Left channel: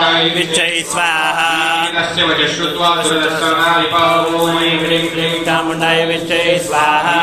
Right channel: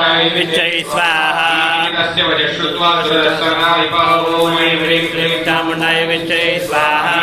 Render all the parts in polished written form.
विच्चै स्वाहा तस्य वचः श्रुत्वा सुरसर्वा विपावो ऐं ह्रीं क्लीं चामुण्डाय विच्चै स्वाहा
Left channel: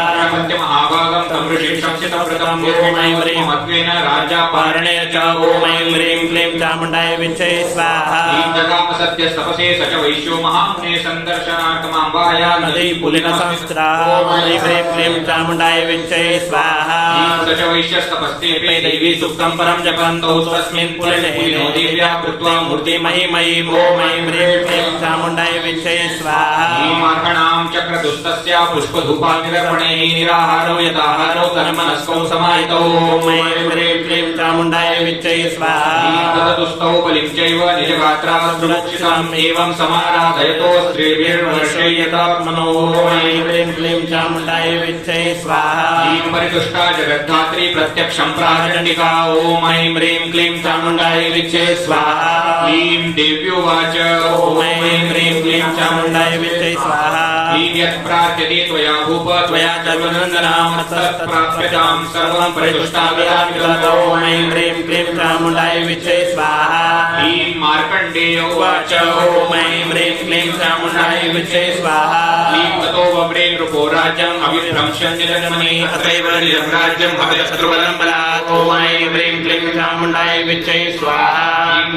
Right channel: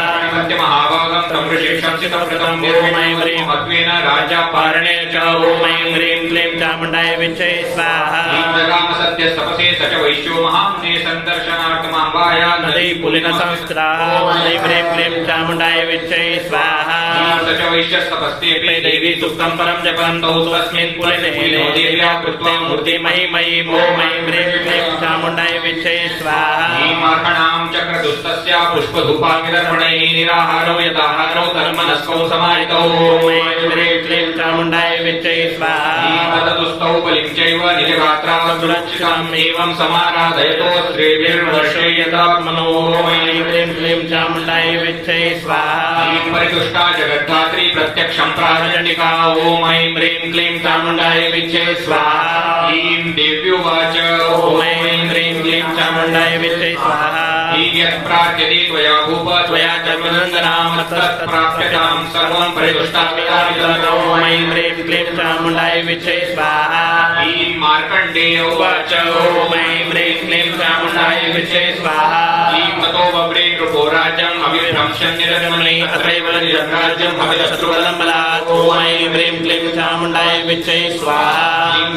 महाभागं तं ऋषिं संस्थितव्रतं ॐ ऐं ह्रीं मध्वेन राजा पारणे च ॐ ऐं ह्रीं क्लीं चामुण्डाय विच्चै स्वाहा जगाम सत्यस्तपसे स च वैश्यो महामुने सन्दर्शनार्थमाम्बाया नदी पुलिन संस्कृता ॐ ह्रीं क्लीं चामुण्डाय विच्चै स्वाहा स च वैश्यस्तपस्ते देवी सुक्तं परं जपन्तौ स्वस्मिन् पुलिने देव्या कृत्वा मूर्तिमयीमयीं ॐ ऐं ह्रीं क्लीं चामुण्डाय विच्चै स्वाहा मार्कणां चक्रदुस्तस्य पुष्पधूपाग्निदर्पणैः निराहारो यदाहारो तन्मनस्कौ समाहितौ ॐ ऐं ह्रीं क्लीं चामुण्डाय विच्चै स्वाहा तदुस्तौ बलिं चैव निजगात्रा सुरक्षितम् एवं समाराधयतो स्त्रीभिर्वर्षयतात्मनो ॐ ऐं ह्रीं क्लीं चामुण्डाय विच्चै स्वाहा परितुष्टा जगद्धात्री प्रत्यक्षं प्राणचण्डिका ॐ ऐं ह्रीं क्लीं चामुण्डाय विच्चै स्वाहा क्लीं देव्योवाच ॐ ऐं ह्रीं क्लीं चामुण्डाय विच्चै स्वाहा यत्प्रार्थ्यते त्वया भूप त्वया तद्वन्दनां तत्प्राप्यतां सर्वं परितुष्टामि ॐ ऐं ह्रीं क्लीं चामुण्डाय विच्चै स्वाहा क्लीं मार्कण्डेय उवाच ॐ ऐं ह्रीं क्लीं चामुण्डाय विच्चै स्वाहा क्लीं ततो बभ्रे नृपो राज्यम् अभिभ्रंशन् निरजमने अतैव निजं राज्यं भगतशत्रुबलं बलात् ॐ ऐं ह्रीं क्लीं चामुण्डाय विच्चै स्वाहा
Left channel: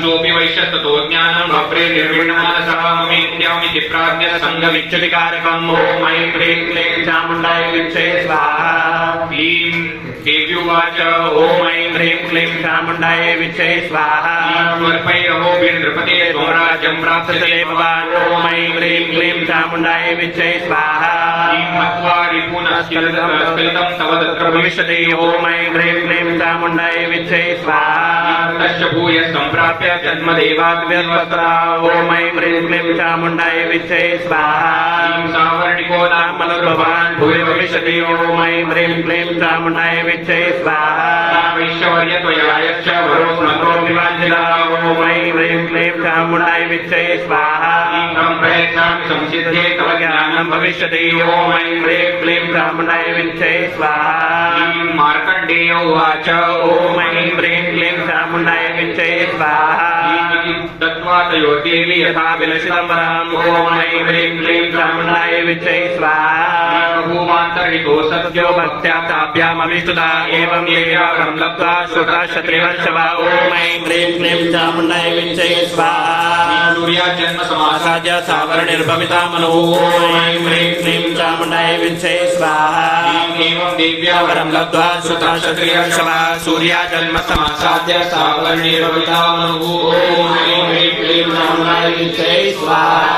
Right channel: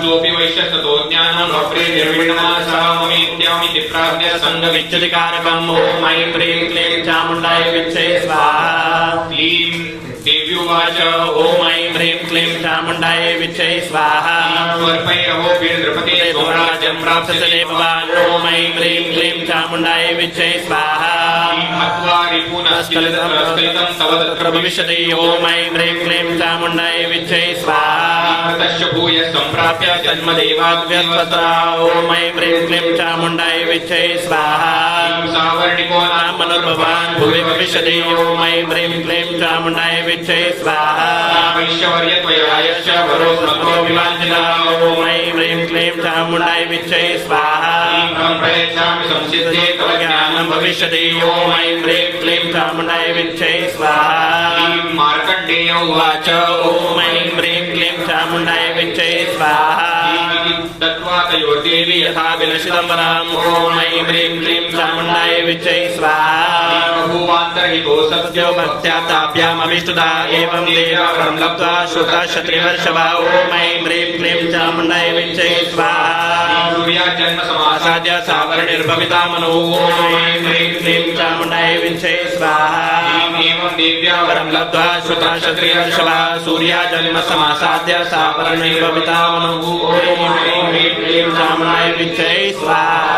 क्लीं वैश्यस्ततो ज्ञानं बभ्रे निर्विण्णमानसः ममेत्यामिति प्राज्ञ सङ्गविच्युतिकारकम् ॐ ऐं ह्रीं क्लीं चामुण्डाय विच्चै स्वाहा क्लीं देव्युवाच ॐ ऐं ह्रीं क्लीं चामुण्डाय विच्चै स्वाहा स्वल्पैरहोभिर्नृपते स्वराज्यं प्राप्स्यते भवान् ॐ ऐं ह्रीं क्लीं चामुण्डाय विच्चै स्वाहा मत्वा रिपुनस्खलितं तव तत्र भविष्यति ॐ ऐं ह्रीं क्लीं चामुण्डाय विच्चै स्वाहा तस्य भूयः सम्प्राप्य तन्मदेवाद्व्यस्वता ॐ ऐं ह्रीं क्लीं चामुण्डाय विच्चै स्वाहा सावर्णिको नाम मनोर्भवान् भुवि भविष्यति ॐ ऐं ह्रीं क्लीं चामुण्डाय विच्चै स्वाहा वैश्यवर्य त्वयायश्च वरो स्मरो विवाञ्छिता ॐ ऐं ह्रीं क्लीं चामुण्डाय विच्चै स्वाहा प्रयच्छामि संसिद्धे तव ज्ञानं भविष्यति ॐ ऐं ह्रीं क्लीं चामुण्डाय विच्चै स्वाहा मार्कण्डेय उवाच ॐ ऐं ह्रीं क्लीं चामुण्डाय विच्चै स्वाहा दत्त्वा तयोर्देवी यथा विनशितं वरम् ॐ ऐं ह्रीं क्लीं चामुण्डाय विच्चै स्वाहा भूवान्तर्हितो सत्यो भक्त्या ताभ्यामभिष्टुता एवं देवावरं लब्ध्वा श्रुता क्षत्रिवर्षभा ॐ ऐं ह्रीं क्लीं चामुण्डाय विच्चै स्वाहा सूर्याजन्म समासाद्य सावरणिर्भविता मनो ॐ ऐं ह्रीं क्लीं चामुण्डाय विच्चै स्वाहा एवं देव्या वरं लब्ध्वा श्रुता क्षत्रिवर्षभा सूर्याजन्म समासाद्य सावरणिर्भविता मनो ॐ ऐं ह्रीं क्लीं चामुण्डाय विच्चै स्वाहा